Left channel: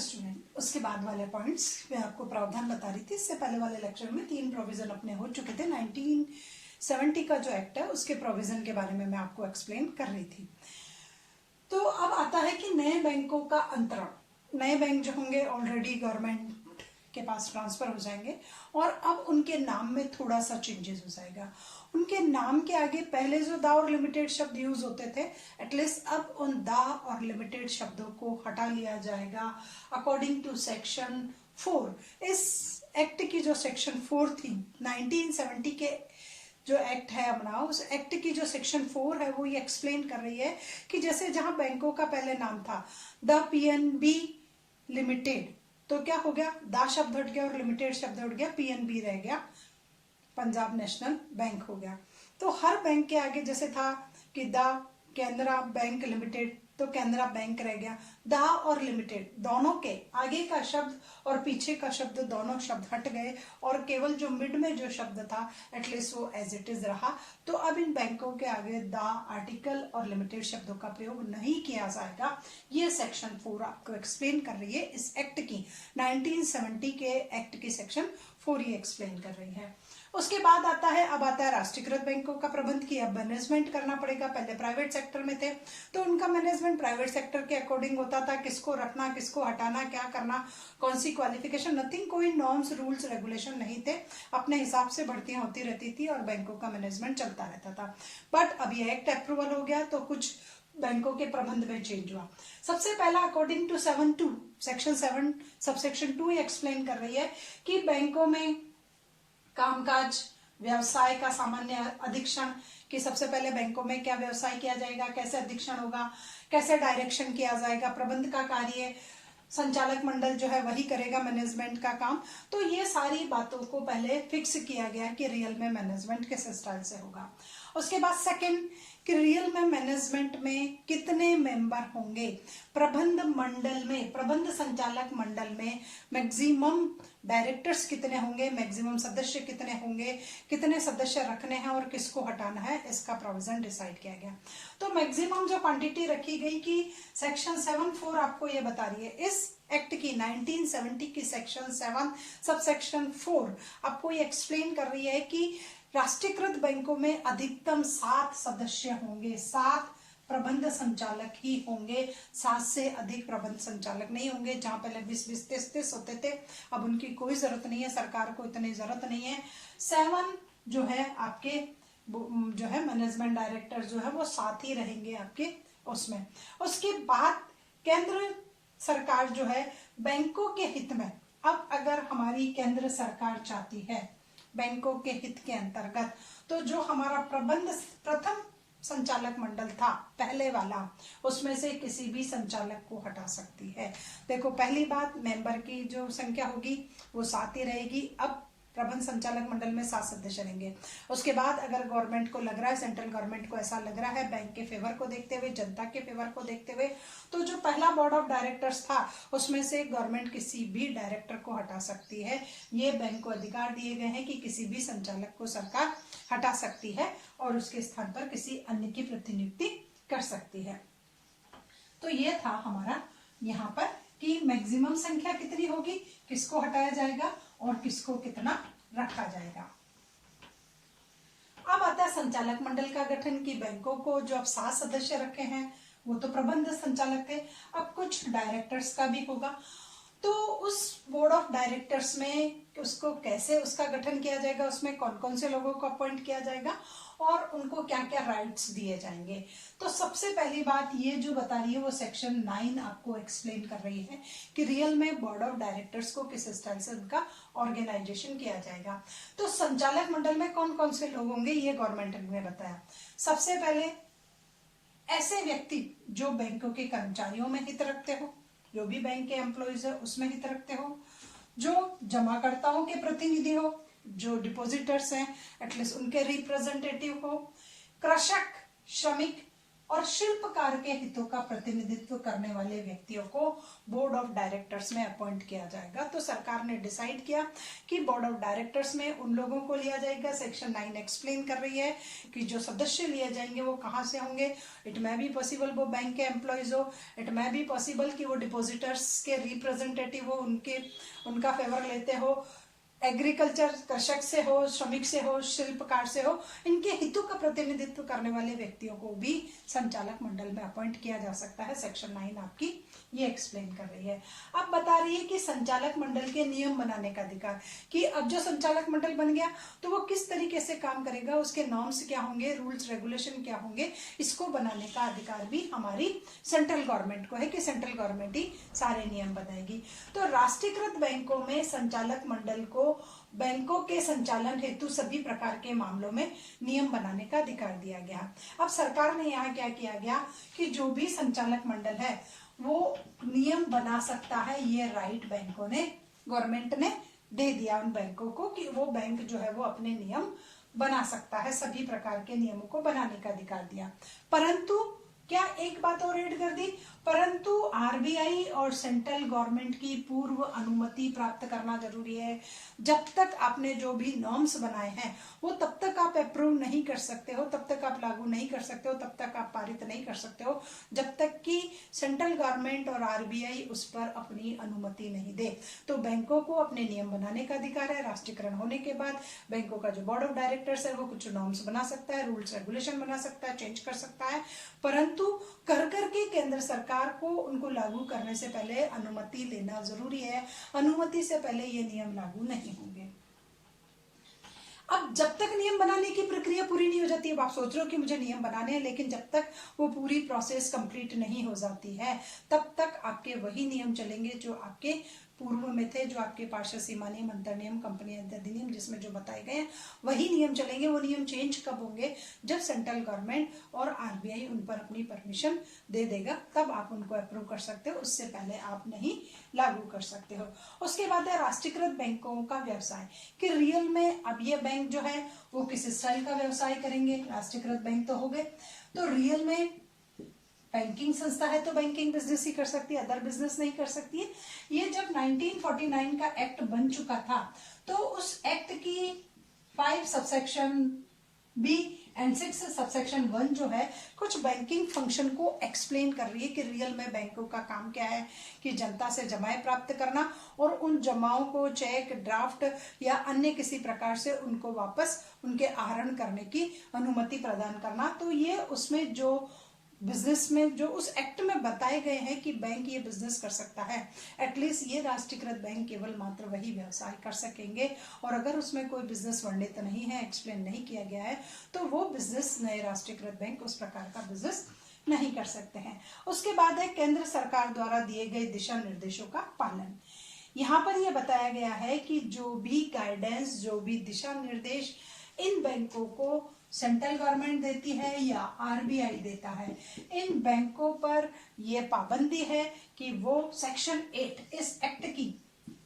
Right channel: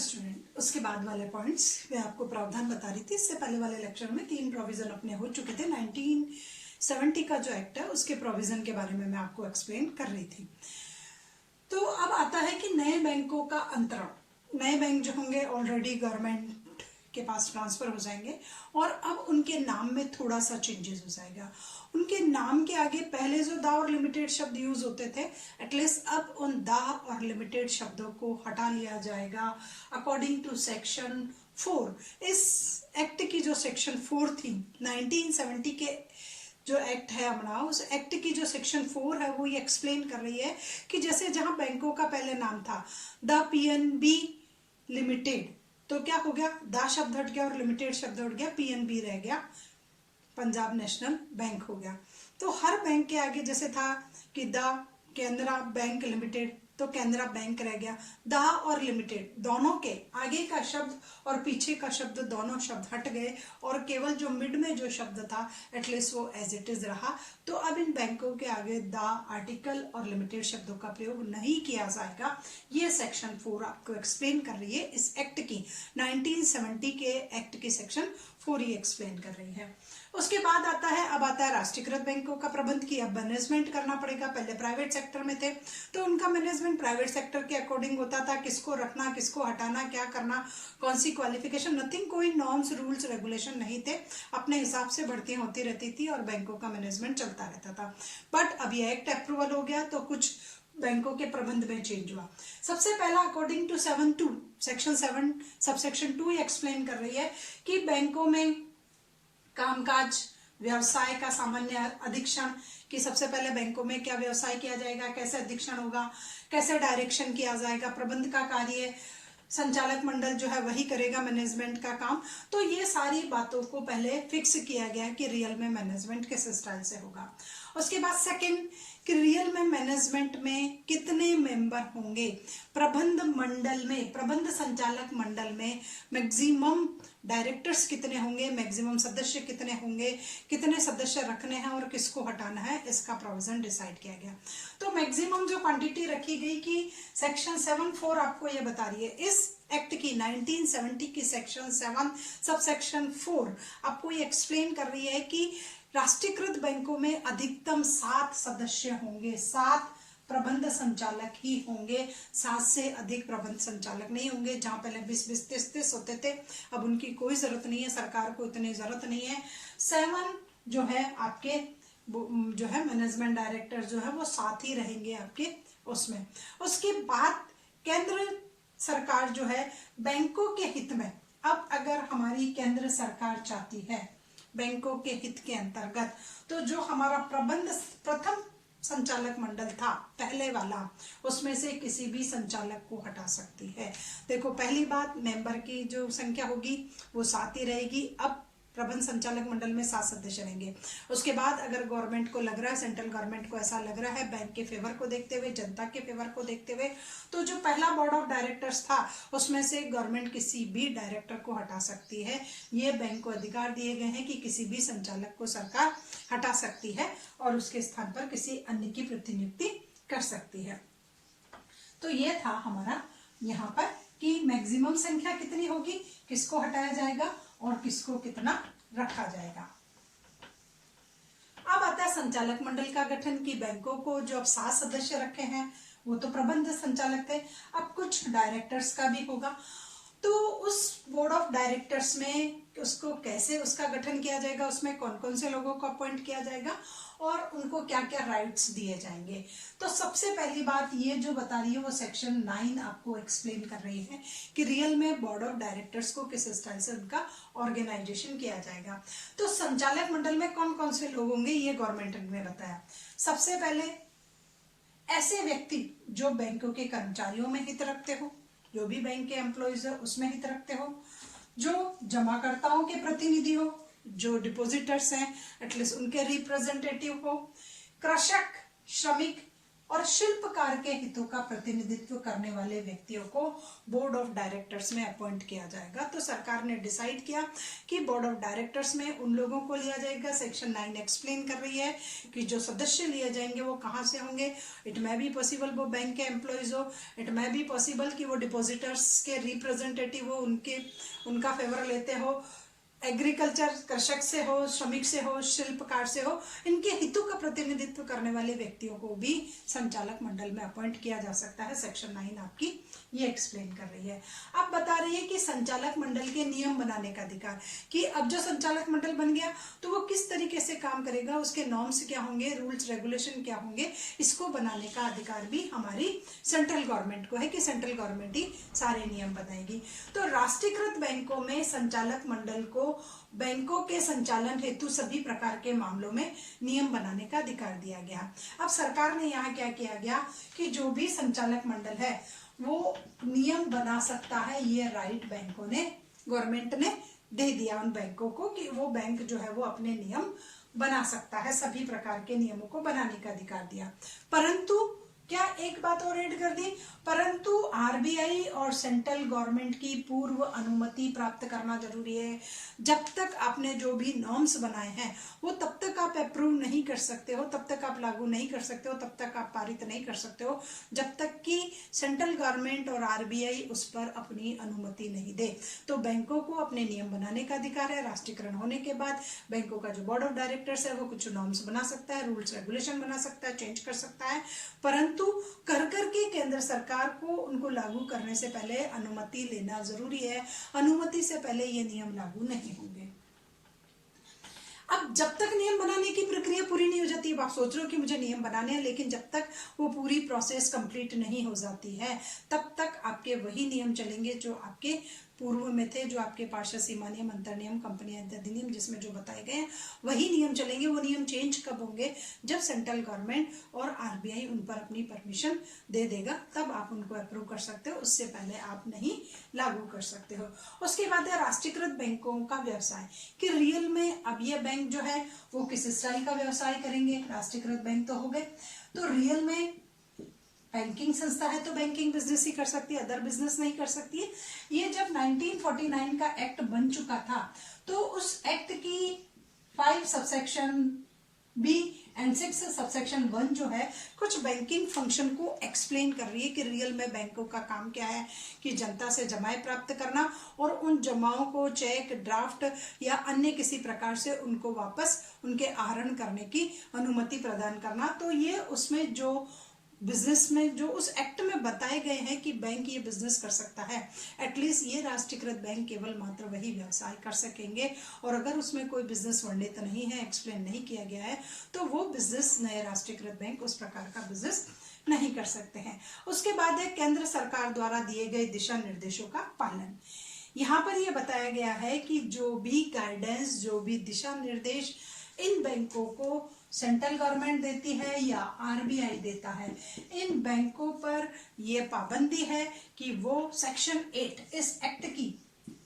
Student, उसके बाद वाले पॉइंट्स मैं आपको प्रावधान बता रही थी। इससे पहले वाले लेक्चर में 3 प्रोविजन अपने हो चुके थे। 1970 का जो एक्ट है उसके प्रोविजन के बारे में मैं आपको एक्सप्लेन कर रही थी। तो अब आता है कि नए बैंकों का अंतरण। नए बैंक जो होंगे ऑलरेडी गवर्नमेंट के पास ट्रांसफर हो जाएंगे और अब उनके नाम में थोड़ा सा चेंजेस हो जाएगा। उनके नाम के आगे पहले जो दा और लिमिटेड शब्द यूज होते थे, एटलीस्ट अब उन दा और लिमिटेड शब्दों को हटा लिया जाएगा अकॉर्डिंग टू सेक्शन 4। इस एक्ट की जो सेक्शन 4 थी 1970 के जो एक्ट है अपना, उस एक्ट की जो सेक्शन 4 है वो ये एक्सप्लेन कर रही है कि जैसे जहां बैंकों का पहले नाम था द पीएनबी लिमिटेड, तो क्या हो गया, दा शब्द हट गया और लिमिटेड शब्द हट गया, पीएनबी रह गया, पंजाब नेशनल बैंक हो गया। तो हर बैंक के आगे जैसे था कि द केनरा बैंक लिमिटेड, तो केनरा बैंक रह गया। दा और लिमिटेड दोनों के आगे का शब्द और पीछे का शब्द दोनों शब्द हट गए और केवल जो मिड में जो शब्द था एटलीस्ट वो एज इट इज रहा। तो अब इन बैंकों के आगे दा, आर्टिकल और लिमिटेड शब्दों का प्रयोग नहीं किया जाएगा। ये सेक्शन 4 आपको एक्सप्लेन कर रही है इस एक्ट की, 1970 के एक्ट की सेक्शन 4 ही एक्सप्लेन कर रही है। उसके बाद आता है, अब आता है राष्ट्रीयकृत बैंकों का प्रबंध की अब मैनेजमेंट करना पड़ेगा। पहले प्राइवेट सेक्टर में थे तो उनका मैनेजमेंट प्राइवेट सेक्टर के अकॉर्डिंग होता था, किसको रखना, किसको हटाना, क्या करना, कौन सी क्वालिफिकेशन, नथिंग, कोई नॉर्म्स, रूल्स, रेगुलेशन नहीं थे। अपने हिसाब से भर्तियां होती रहती थी और बैंकों का मैनेजमेंट चलता रहता था। बट अब ये एक्ट अप्रूवल हो गया तो कुछ बैंकों के प्रबंध में चेंज हुआ। सबसे पहला according to section 7 subsection 2 explain कर रही है कि बैंकों में कामकाज, व्यवसाय का सामान्य अधीक्षण, कि सबसे पहले बैंकों में क्या व्यवसाय किया जाएगा, कैसे अधीक्षण होगा, कैसे डायरेक्शन किया जाएगा, प्रबंध का कार्य संचालक मंडल जो है वही करेगा, मैनेजमेंट का काम। तो ये सारी बातों को पहले फिक्स किया गया कि रियल में मैनेजमेंट किस स्टाइल से होगा। उसके बाद सेकंड कि रियल में मैनेजमेंट में कितने मेंबर होंगे, प्रबंध मंडल में, प्रबंध संचालक मंडल में मैक्सिमम डायरेक्टर्स कितने होंगे, मैक्सिमम सदस्य कितने होंगे, कितने सदस्य रखने हैं और किसको हटाना है, इसका प्रोविजन डिसाइड किया गया। तो मैक्सिमम जो क्वांटिटी रखी गई कि सेक्शन 7(4) आपको ये बता रही है। इस एक्ट की 1970 की सेक्शन 7 सब सेक्शन 4 आपको ये एक्सप्लेन कर रही है कि राष्ट्रीयकृत बैंकों में अधिकतम 7 सदस्य होंगे, 7 प्रबंध संचालक ही होंगे, 7 से अधिक प्रबंध संचालक नहीं होंगे। जहां पहले 20-20, 30-30 होते थे, अब उनकी कोई जरूरत नहीं है, सरकार को इतनी जरूरत नहीं है। 7 जो है आपके जो है मैनेजमेंट डायरेक्टर जो है वो 7 ही रहेंगे आपके उसमें। उसके बाद केंद्र सरकार जो है बैंकों के हित में, अब अगर हमारी केंद्र सरकार चाहती है बैंकों के हित के अंतर्गत, तो जो हमारा प्रथम संचालक मंडल था पहले वाला, उसमें से किसी भी संचालक को हटा सकती है। देखो पहली बात, मेंबर की जो संख्या होगी वो 7 ही रहेगी। अब प्रबंध संचालक मंडल में 7 सदस्य रहेंगे। उसके बाद अगर गवर्नमेंट को लग रहा है, सेंट्रल गवर्नमेंट को ऐसा लग रहा है बैंक के फेवर को देखते हुए, जनता के फेवर को देखते हुए, तो जो पहला बोर्ड ऑफ डायरेक्टर्स था उसमें से गवर्नमेंट किसी भी डायरेक्टर को हटा सकती है। ये बैंक को अधिकार दिए गए हैं कि किसी भी संचालक को सरकार हटा सकती है और उसके स्थान पर किसी अन्य की प्रतिनियुक्ति कर सकती है। तो ये था हमारा यहाँ पर कि मैक्सिमम संख्या कितनी होगी, किसको हटाया जाएगा और किसको कितना रखा जाएगा। अब आता है संचालक मंडल का गठन की बैंकों को जो अब 7 सदस्य रखे हैं वो तो प्रबंध संचालक थे, अब कुछ डायरेक्टर्स का भी होगा। तो उस बोर्ड ऑफ डायरेक्टर्स में उसको कैसे उसका गठन किया जाएगा, उसमें कौन कौन से लोगों को अपॉइंट किया जाएगा और उनको क्या क्या राइट्स दिए जाएंगे। तो सबसे पहली बात ये जो बता रही है वो सेक्शन 9 आपको एक्सप्लेन कर रही है कि रियल में बोर्ड ऑफ डायरेक्टर्स को किस स्टाइल से उनका ऑर्गेनाइजेशन किया जाएगा। तो संचालक मंडल में कौन कौन से लोग होंगे ये गवर्नमेंट ने बताया। सबसे पहले ऐसे व्यक्ति जो बैंकों के कर्मचारियों में हित रखते हो, जो भी बैंक के एम्प्लॉइज है उसमें हित रखते हो, जो जमाकर्ताओं के प्रतिनिधि हो, जो डिपॉजिटर्स हैं एटलीस्ट उनके रिप्रेजेंटेटिव हो, कृषक, श्रमिक, और शिल्पकार के हितों का प्रतिनिधित्व करने वाले व्यक्तियों को बोर्ड ऑफ डायरेक्टर्स में अपॉइंट किया जाएगा। तो सरकार ने डिसाइड किया कि बोर्ड ऑफ डायरेक्टर्स में उन लोगों को लिया जाएगा। सेक्शन 9 एक्सप्लेन कर रही है कि जो सदस्य लिए जाएंगे वो कहाँ से होंगे। इट मे बी पॉसिबल वो बैंक के एम्प्लॉयज हो, इट मे बी पॉसिबल कि वो डिपोजिटर्स के रिप्रेजेंटेटिव हो, उनका फेवर लेते हो, एग्रीकल्चर कृषक से हो, श्रमिक से हो, शिल्पकार से हो, इनके हितों का प्रतिनिधित्व करने वाले व्यक्तियों को भी संचालक मंडल में अपॉइंट किया जा सकता है। सेक्शन 9 आपकी ये एक्सप्लेन कर रही है। अब बता रही है कि संचालक मंडल के नियम बनाने का अधिकार, कि अब जो संचालक मंडल बन गया तो वो किस तरीके से काम करेगा, उसके नॉर्म्स क्या होंगे, रूल्स रेगुलेशन क्या होंगे, इसको बनाने का अधिकार भी हमारी सेंट्रल गवर्नमेंट को है कि सेंट्रल गवर्नमेंट ही सारे नियम बनाएगी। तो राष्ट्रीयकृत बैंकों में संचालक मंडल को बैंकों के संचालन हेतु सभी प्रकार के मामलों में नियम बनाने का अधिकार दिया गया। अब सरकार ने यहाँ क्या किया गया कि जो भी संचालक मंडल है वो नियम बना सकता है। ये राइट बैंकों ने, गवर्नमेंट ने दे दिया उन बैंकों को कि वो बैंक जो है वो अपने नियम बना सकता है, सभी प्रकार के नियमों को बनाने का अधिकार दिया। परंतु क्या एक बात और ऐड कर दी, परंतु आरबीआई और सेंट्रल गवर्नमेंट की पूर्व अनुमति प्राप्त करना जरूरी है। जब तक आपने जो भी नॉर्म्स बनाए हैं वो तब तक आप अप्रूव नहीं कर सकते हो, तब तक आप लागू नहीं कर सकते हो, तब तक आप पारित नहीं कर सकते हो जब तक कि सेंट्रल गवर्नमेंट और आरबीआई उस पर अपनी अनुमति नहीं दे। तो बैंकों को अपने नियम बनाने का अधिकार है। राष्ट्रीयकरण होने के बाद बैंकों का जो बोर्ड ऑफ डायरेक्टर्स है वो कुछ नॉर्म्स बना सकता है, रूल्स रेगुलेशन बना सकता है, चेंज कर सकता है, परंतु करके केंद्र सरकार को उनको लागू करने से पहले अनुमति लेना जरूरी है। अनुमति से पहले ये नियम लागू नहीं होंगे। अब जब तक नियम बनाने की प्रक्रिया पूरी नहीं हो जाती, अब आप सोच रहे हो कि मुझे नियम बनाने हैं, लेकिन जब तक वो पूरी प्रोसेस कंप्लीट नहीं हो जाती है तब तक आपके वही नियम चलेंगे जो आपके पूर्व में थे, जो आपके पार्षद सीमा नियम, अंतर नियम, कंपनी अधिनियम जिसमें जो बताए गए हैं वही नियम चलेंगे। वो नियम चेंज कब होंगे, जब सेंट्रल गवर्नमेंट और आरबीआई उन पर अपनी परमिशन दे देगा, तब आप उनको अप्रूव कर सकते हो, उससे पहले आप नहीं लागू कर सकते हो। उसके बाद है राष्ट्रीयकृत बैंकों का व्यवसाय, कि रियल में अब ये बैंक जो है वो किस स्टाइल का व्यवसाय करेंगे। राष्ट्रीयकृत बैंक तो हो गए, तो रियल में बैंकिंग संस्था है तो बैंकिंग बिजनेस ही कर सकती है, अदर बिजनेस नहीं कर सकती है। ये जब 1949 का एक्ट बन चुका था तो उस एक्ट की 5 सबसेक्शन बी एंड 6 सबसेक्शन 1 जो है कुछ बैंकिंग फंक्शन को एक्सप्लेन कर रही है कि रियल में बैंकों का काम क्या है, कि जनता से जमाएं प्राप्त करना और उन जमाओं को चेक, ड्राफ्ट या अन्य किसी प्रकार से उनको वापस उनके आहरण करने की अनुमति प्रदान करना। तो ये उसमें जो बिजनेस में जो उस एक्ट में बताए गए हैं कि बैंक ये बिजनेस कर सकता है, एटलीस्ट ये राष्ट्रीयकृत बैंक केवल मात्र वही व्यवसाय कर सकेंगे, और अगर उसमें कोई बिजनेस वर्णित नहीं है, एक्सप्लेन नहीं किया गया है, तो वो बिजनेस नए राष्ट्रीयकृत बैंक उस प्रकार का बिजनेस नहीं कर सकते हैं। उसके बाद है केंद्र सरकार द्वारा दिए गए दिशा निर्देशों का पालन। यहाँ पर यह बताया गया है कि जो भी गाइडेंस, जो भी दिशा निर्देश इन बैंकों को सेंट्रल गवर्नमेंट देती है या आरबीआई देता है, इन बैंकों पर यह पाबंदी है कि वो सेक्शन 8 इस एक्ट की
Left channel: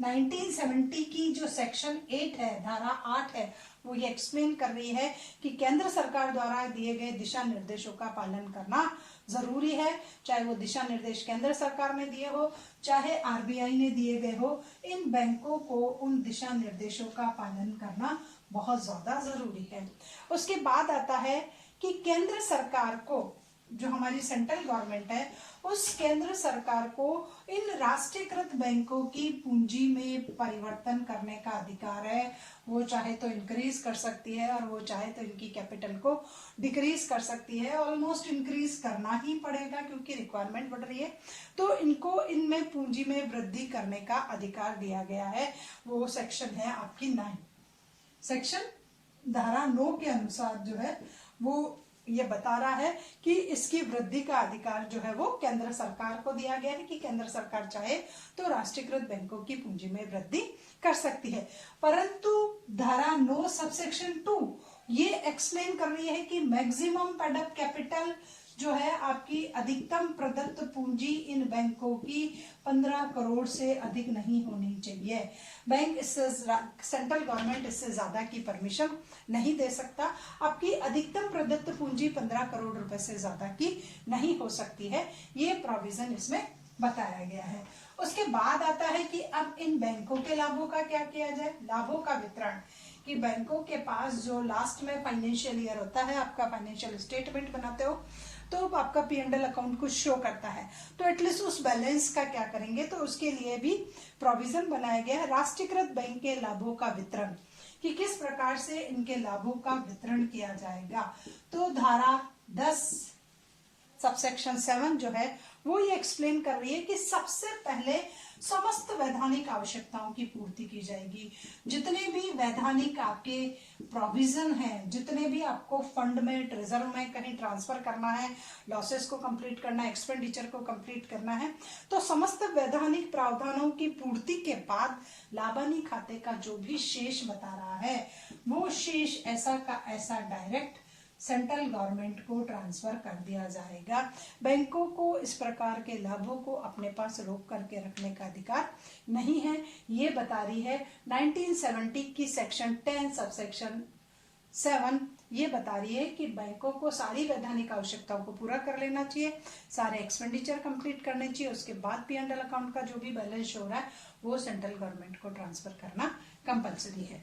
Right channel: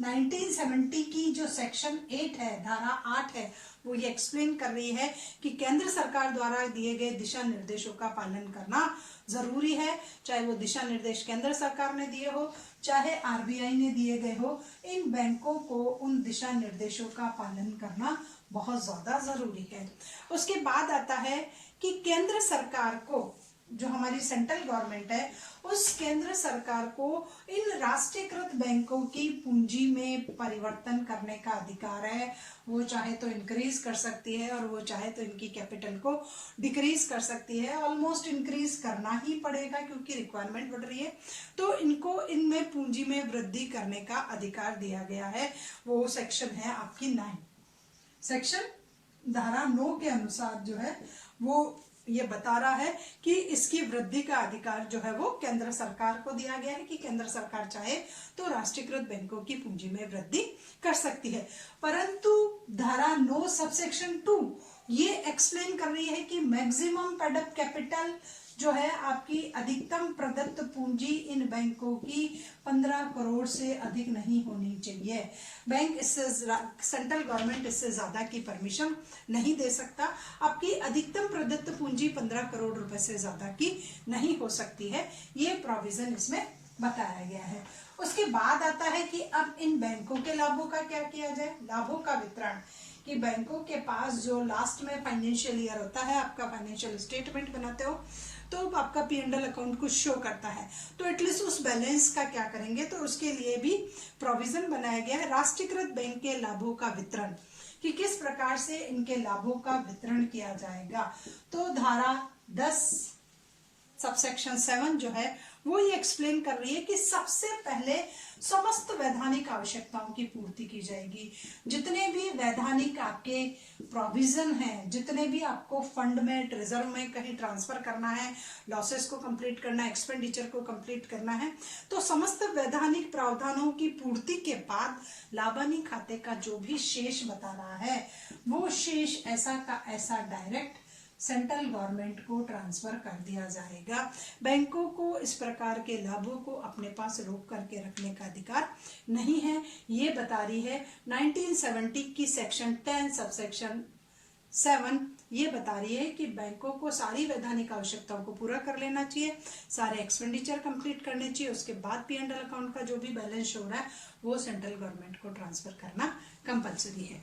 1970 की जो सेक्शन 8 है, धारा 8 है, वो ये एक्सप्लेन कर रही है कि केंद्र सरकार द्वारा दिए गए दिशा निर्देशों का पालन करना जरूरी है। चाहे वो दिशा निर्देश केंद्र सरकार ने दिए हो, चाहे आरबीआई ने दिए गए हो, इन बैंकों को उन दिशा निर्देशों का पालन करना बहुत ज्यादा जरूरी है। उसके बाद आता है कि केंद्र सरकार को, जो हमारी सेंट्रल गवर्नमेंट है, उस केंद्र सरकार को इन राष्ट्रीयकृत बैंकों की पूंजी में परिवर्तन करने का अधिकार है। वो चाहे तो इंक्रीज कर सकती है और वो चाहे तो इनकी कैपिटल को डिक्रीज कर सकती है। ऑलमोस्ट इंक्रीज करना ही पड़ेगा क्योंकि रिक्वायरमेंट बढ़ रही है, तो इनको इनमें पूंजी में वृद्धि करने का अधिकार दिया गया है। वो सेक्शन है आपकी 9, सेक्शन धारा 9 के अनुसार जो है वो ये बता रहा है कि इसकी वृद्धि का अधिकार जो है वो केंद्र सरकार को दिया गया है कि केंद्र सरकार चाहे तो राष्ट्रीयकृत बैंकों की पूंजी में वृद्धि कर सकती है। परंतु धारा 9 सबसेक्शन 2 ये एक्सप्लेन कर रही है कि मैक्सिमम पेड कैपिटल जो है आपकी अधिकतम प्रदत्त पूंजी इन बैंकों की 15 करोड़ से अधिक नहीं होनी चाहिए। बैंक इससे, सेंट्रल गवर्नमेंट इससे ज्यादा की परमिशन नहीं दे सकता। आपकी अधिकतम प्रदत्त पूंजी 15 करोड़ रुपए से ज्यादा की नहीं हो सकती है, ये प्रोविजन इसमें बताया गया है। उसके बाद आता है कि अब इन बैंकों के लाभों का क्या किया जाए, लाभों का वितरण, कि बैंकों के पास जो लास्ट में फाइनेंशियल ईयर होता है, आपका फाइनेंशियल स्टेटमेंट बनाते हो तो आपका P&L अकाउंट कुछ शो करता है, तो एटलीस्ट उस बैलेंस का क्या करेंगे, तो उसके लिए भी प्रोविजन बनाया गया है राष्ट्रीयकृत बैंक के लाभों का वितरण, कि किस प्रकार से इनके लाभों का वितरण किया जाएगा। तो धारा 10 सबसेक्शन 7 जो है वो ये एक्सप्लेन कर रही है कि सबसे पहले समस्त वैधानिक आवश्यकताओं की पूर्ति की जाएगी। जितने भी वैधानिक आपके प्रोविजन हैं, जितने भी आपको फंड में, ट्रेजर में कहीं ट्रांसफर करना है, लॉसेस को कंप्लीट करना है, एक्सपेंडिचर को कंप्लीट करना है, तो समस्त वैधानिक प्रावधानों की पूर्ति के बाद लाभानी खाते का जो भी शेष बता रहा है, वो शेष ऐसा का ऐसा डायरेक्ट सेंट्रल गवर्नमेंट को ट्रांसफर कर दिया जाएगा। बैंकों को इस प्रकार के लाभों को अपने पास रोक करके रखने का अधिकार नहीं है, ये बता रही है 1970 की सेक्शन 10 सबसेक्शन 7, ये बता रही है कि बैंकों को सारी वैधानिक आवश्यकताओं को पूरा कर लेना चाहिए, सारे एक्सपेंडिचर कंप्लीट करने चाहिए, उसके बाद P&L अकाउंट का जो भी बैलेंस हो रहा है वो सेंट्रल गवर्नमेंट को ट्रांसफर करना कंपलसरी है।